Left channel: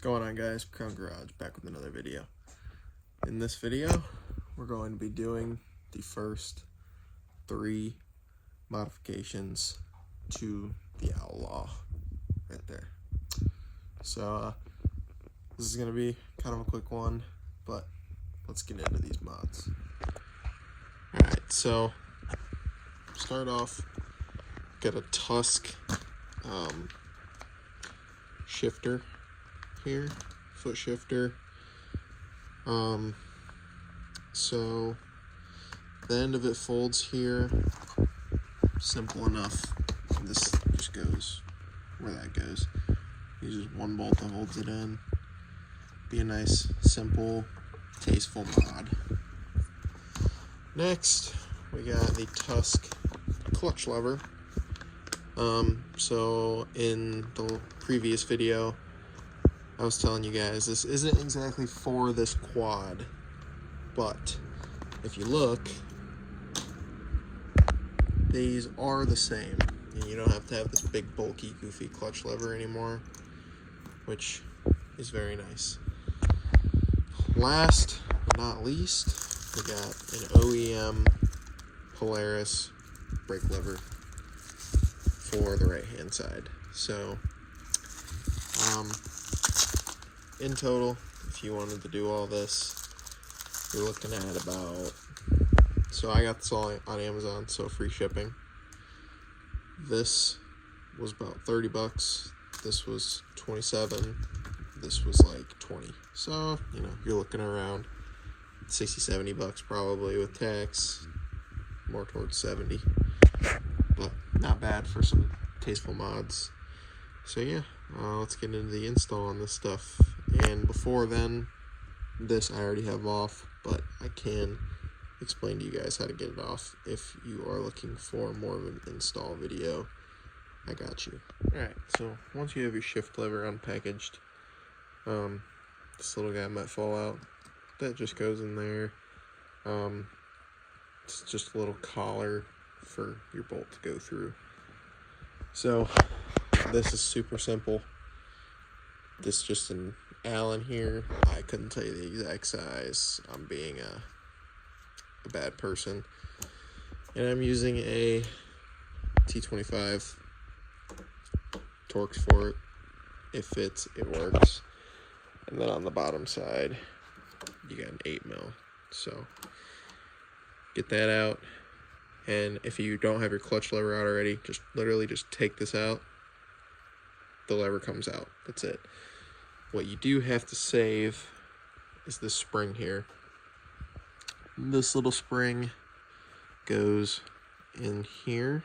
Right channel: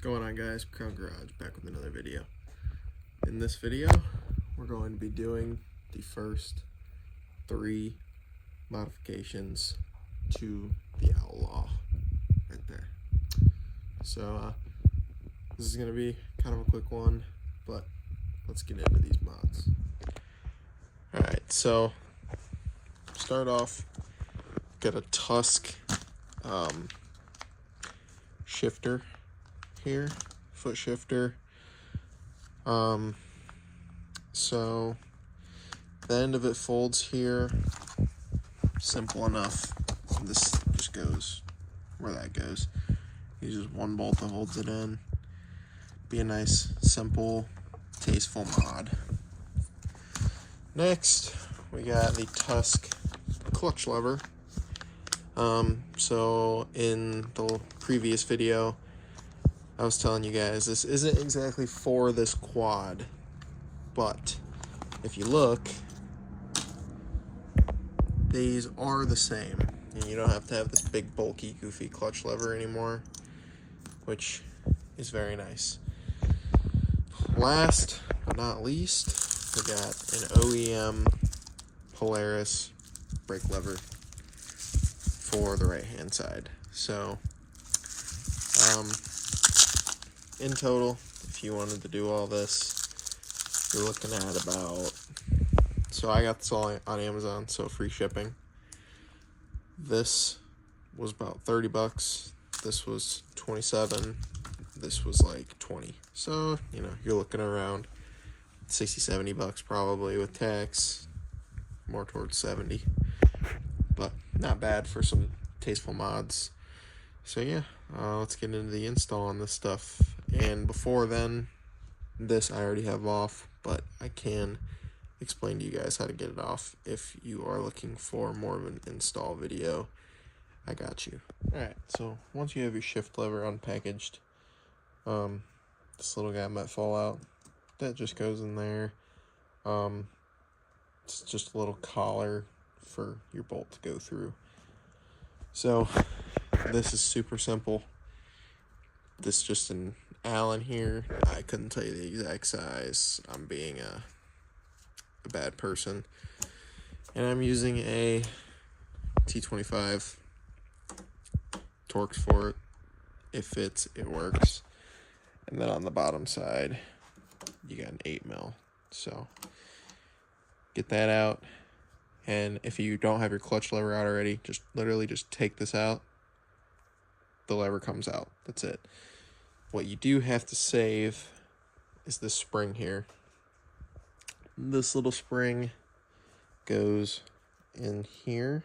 going on, guys? Crown Garage back with another video. In this video we're going to be doing the first 3 modifications to the Outlaw right there. So this is going to be kind of a quick one, but let's get into these mods. Alright, so start off, got a tusk shifter here, foot shifter. So the end of it folds here, simple enough. This just goes where that goes. Uses one bolt that holds it in. Be a nice, simple, tasteful mod. Next, we got the tusk clutch lever. So in the previous video, I was telling you guys this isn't exactly for this quad, but if you look, these are the same, and you don't have to have this big bulky goofy clutch lever anymore, which is very nice. Last but not least, we got an OEM Polaris brake lever for the right hand side. So in total, if you wanted to do all this, you're looking at about, so I got this all on Amazon, so free shipping. This was about 30 bucks. This was 27. This was like 20. So, you know, you're looking around 60, 70 bucks probably with tax, more towards 70. But not bad for some tasteful mods. So yeah, let's get into the install on this stuff. And before then, this I already have off, but I can explain to you guys how to get it off if you are looking for more of an install video. I got you. Alright, so once you have your shift lever unpackaged, this little guy might fall out. That just goes in there. It's just a little collar for your bolt to go through. So this is super simple. This is just an Allen here. I couldn't tell you the exact size. I'm being a bad person. And I'm using a T25. Torx for it. It fits, it works. And then on the bottom side, you got an 8mm. So get that out. And if you don't have your clutch lever out already, just literally just take this out. The lever comes out. That's it. What you do have to save is this spring here. This little spring goes in here,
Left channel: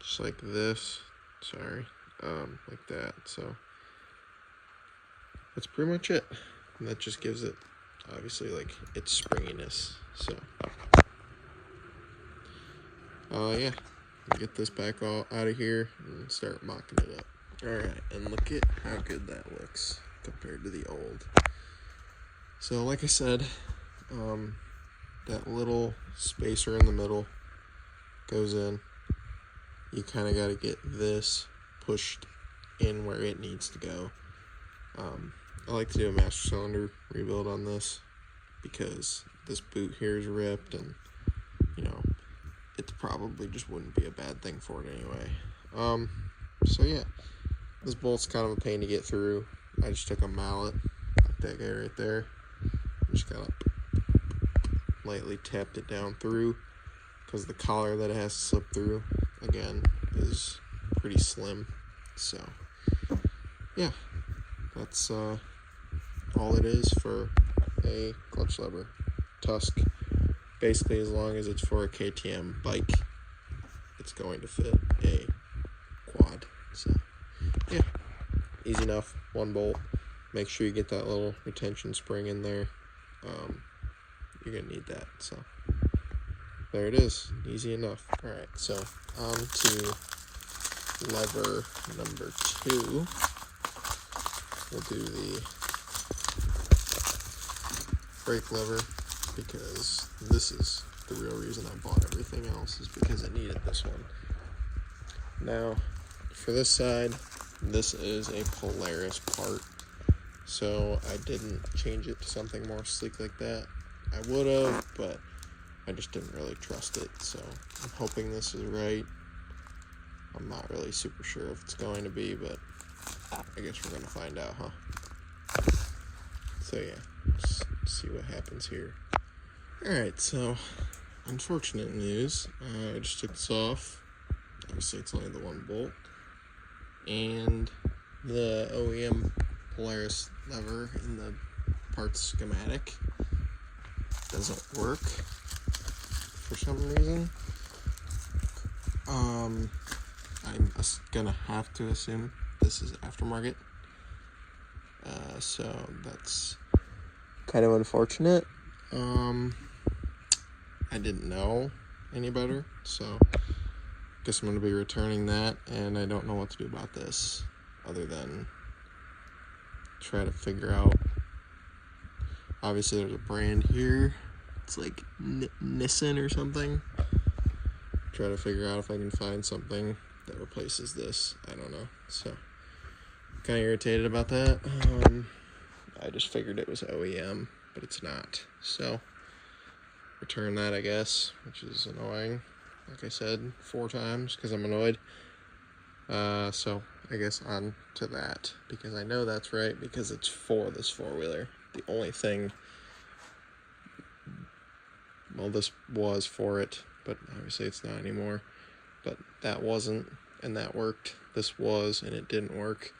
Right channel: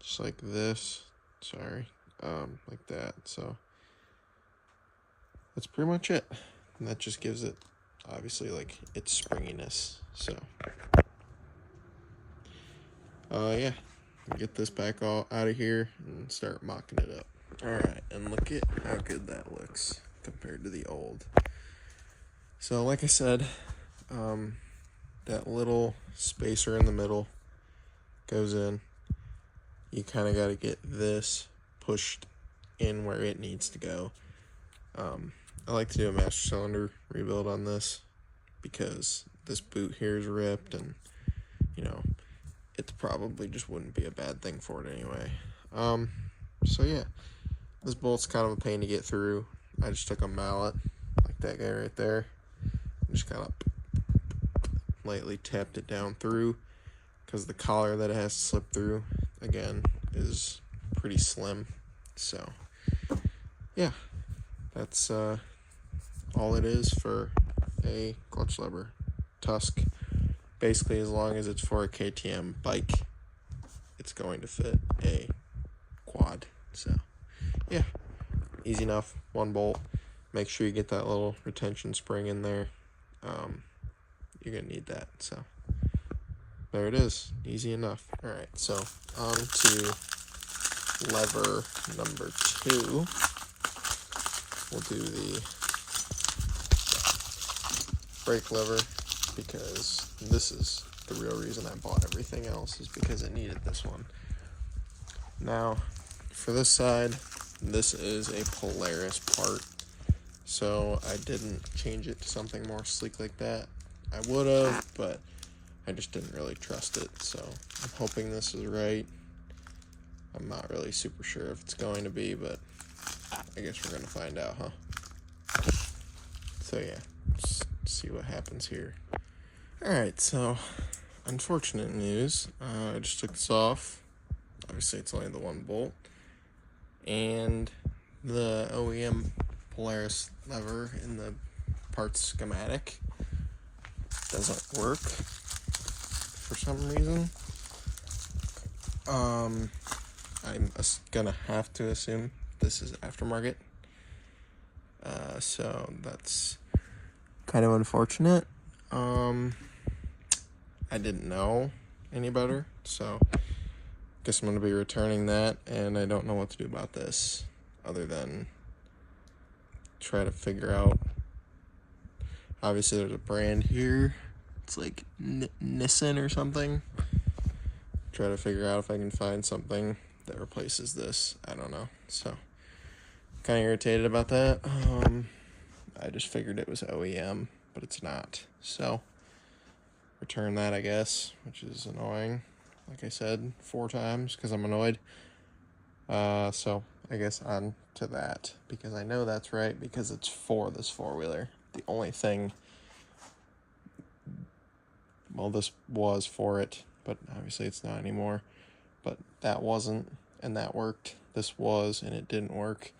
just like this. Sorry, like that. So that's pretty much it. And that just gives it, obviously, like its springiness. So yeah, get this back all out of here and start mocking it up. Alright, and look at how good that looks compared to the old. So like I said, that little spacer in the middle goes in. You kind of got to get this pushed in where it needs to go. I like to do a master cylinder rebuild on this because this boot here is ripped, and you know, it probably just wouldn't be a bad thing for it anyway. So yeah, this bolt's kind of a pain to get through. I just took a mallet, like that guy right there, and just kind of lightly tapped it down through, because the collar that it has to slip through, again, is pretty slim. So yeah, that's all it is for a clutch lever tusk. Basically, as long as it's for a KTM bike, it's going to fit a quad. So yeah, easy enough. One bolt. Make sure you get that little retention spring in there. You're gonna need that. So there it is, easy enough. All right, so on to lever number 2. We'll do the brake lever, because this is the real reason I bought everything else, is because I needed this one. Now, for this side, this is a Polaris part, so I didn't change it to something more sleek like that. I would have, but I just didn't really trust it, so I'm hoping this is right. I'm not really super sure if it's going to be, but I guess we're gonna find out, huh? So yeah, let's see what happens here. Alright, so unfortunate news. I just took this off. Obviously it's only the one bolt. And the OEM Polaris lever in the parts schematic doesn't work for some reason. I'm gonna have to assume this is aftermarket. So that's kind of unfortunate. I didn't know any better, so guess I'm gonna be returning that, and I don't know what to do about this other than try to figure out. Obviously there's a brand here, it's like Nissan or something. Try to figure out if I can find something that replaces this. I don't know, so kind of irritated about that. I just figured it was OEM, but it's not, so return that, I guess, which is annoying, like I said 4 times because I'm annoyed. So I guess on to that, because I know that's right, because it's for this 4-wheeler. The only thing, well, this was for it, but obviously it's not anymore. But that wasn't, and that worked. This was, and it didn't work.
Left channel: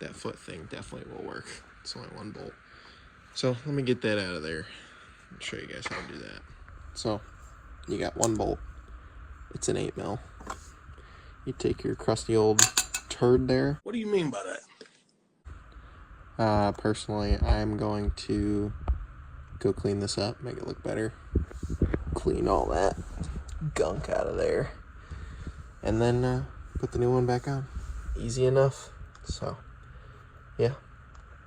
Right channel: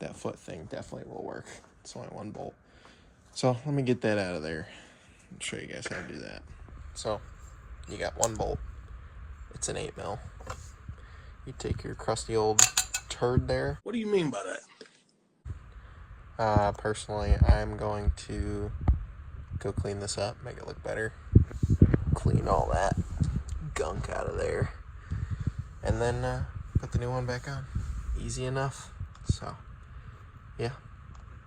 That foot thing definitely will work. It's only 1 bolt. So let me get that out of there and show you guys how to do that. So you got 1 bolt. It's an 8mm. You take your crusty old turd there. What do you mean by that? Personally, I'm going to go clean this up, make it look better. Clean all that gunk out of there. And then put the new one back on. Easy enough. So, yeah.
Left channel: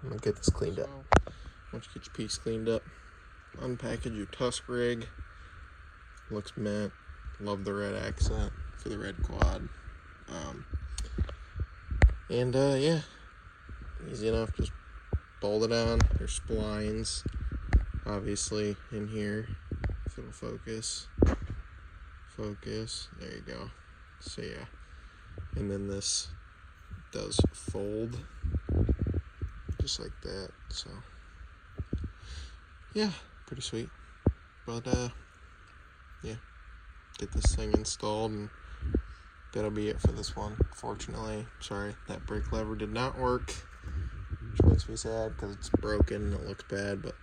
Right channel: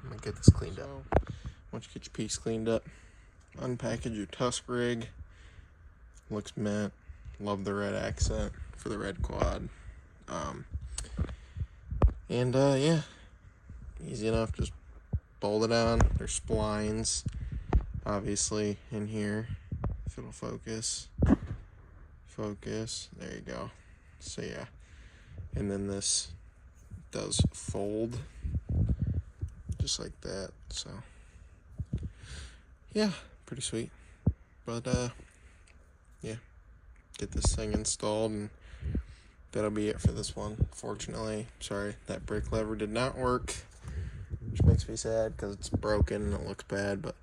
I'm going to get this cleaned up. Once you get your piece cleaned up, unpackage your tusk rig. Looks mint. Love the red accent for the red quad. Yeah, easy enough. Just bolt it on. There's splines, obviously, in here. If it'll focus. There you go. So yeah, and then this does fold just like that. So yeah, pretty sweet. But yeah, get this thing installed, and that'll be it for this one. Fortunately, sorry, that brake lever did not work, which makes me sad because it's broken and it looks bad, but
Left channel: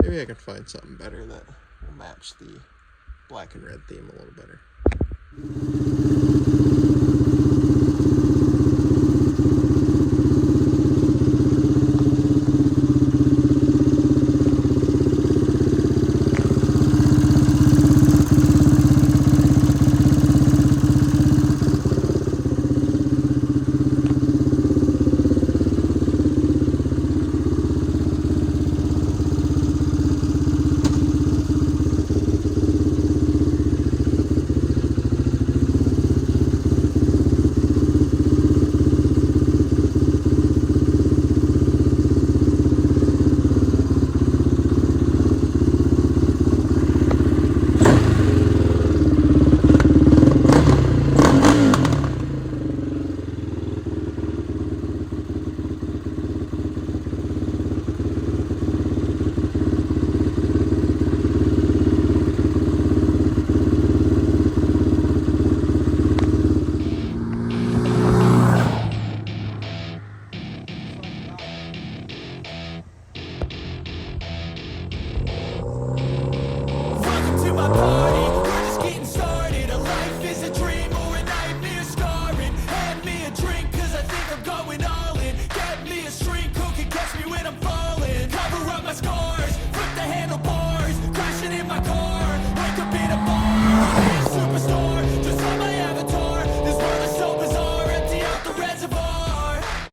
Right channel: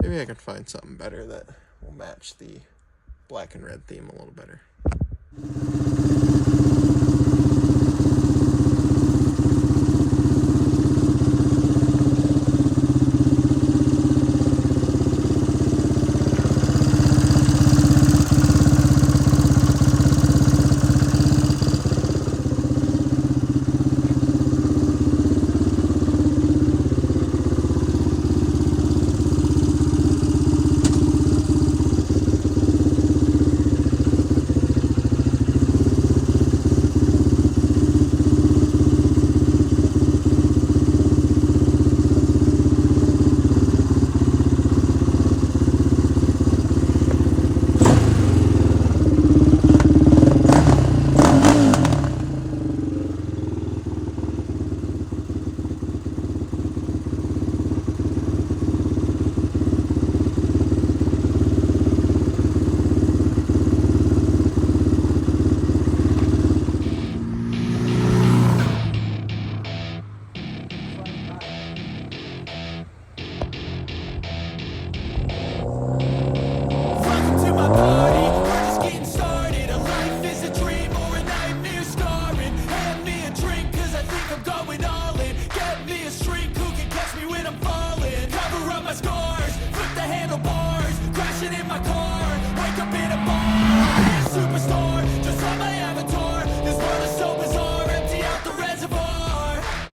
maybe I can find something better that will match the black and red theme a little better. When I'm falling, cover up my scars, flip the handlebars, crashing in my car.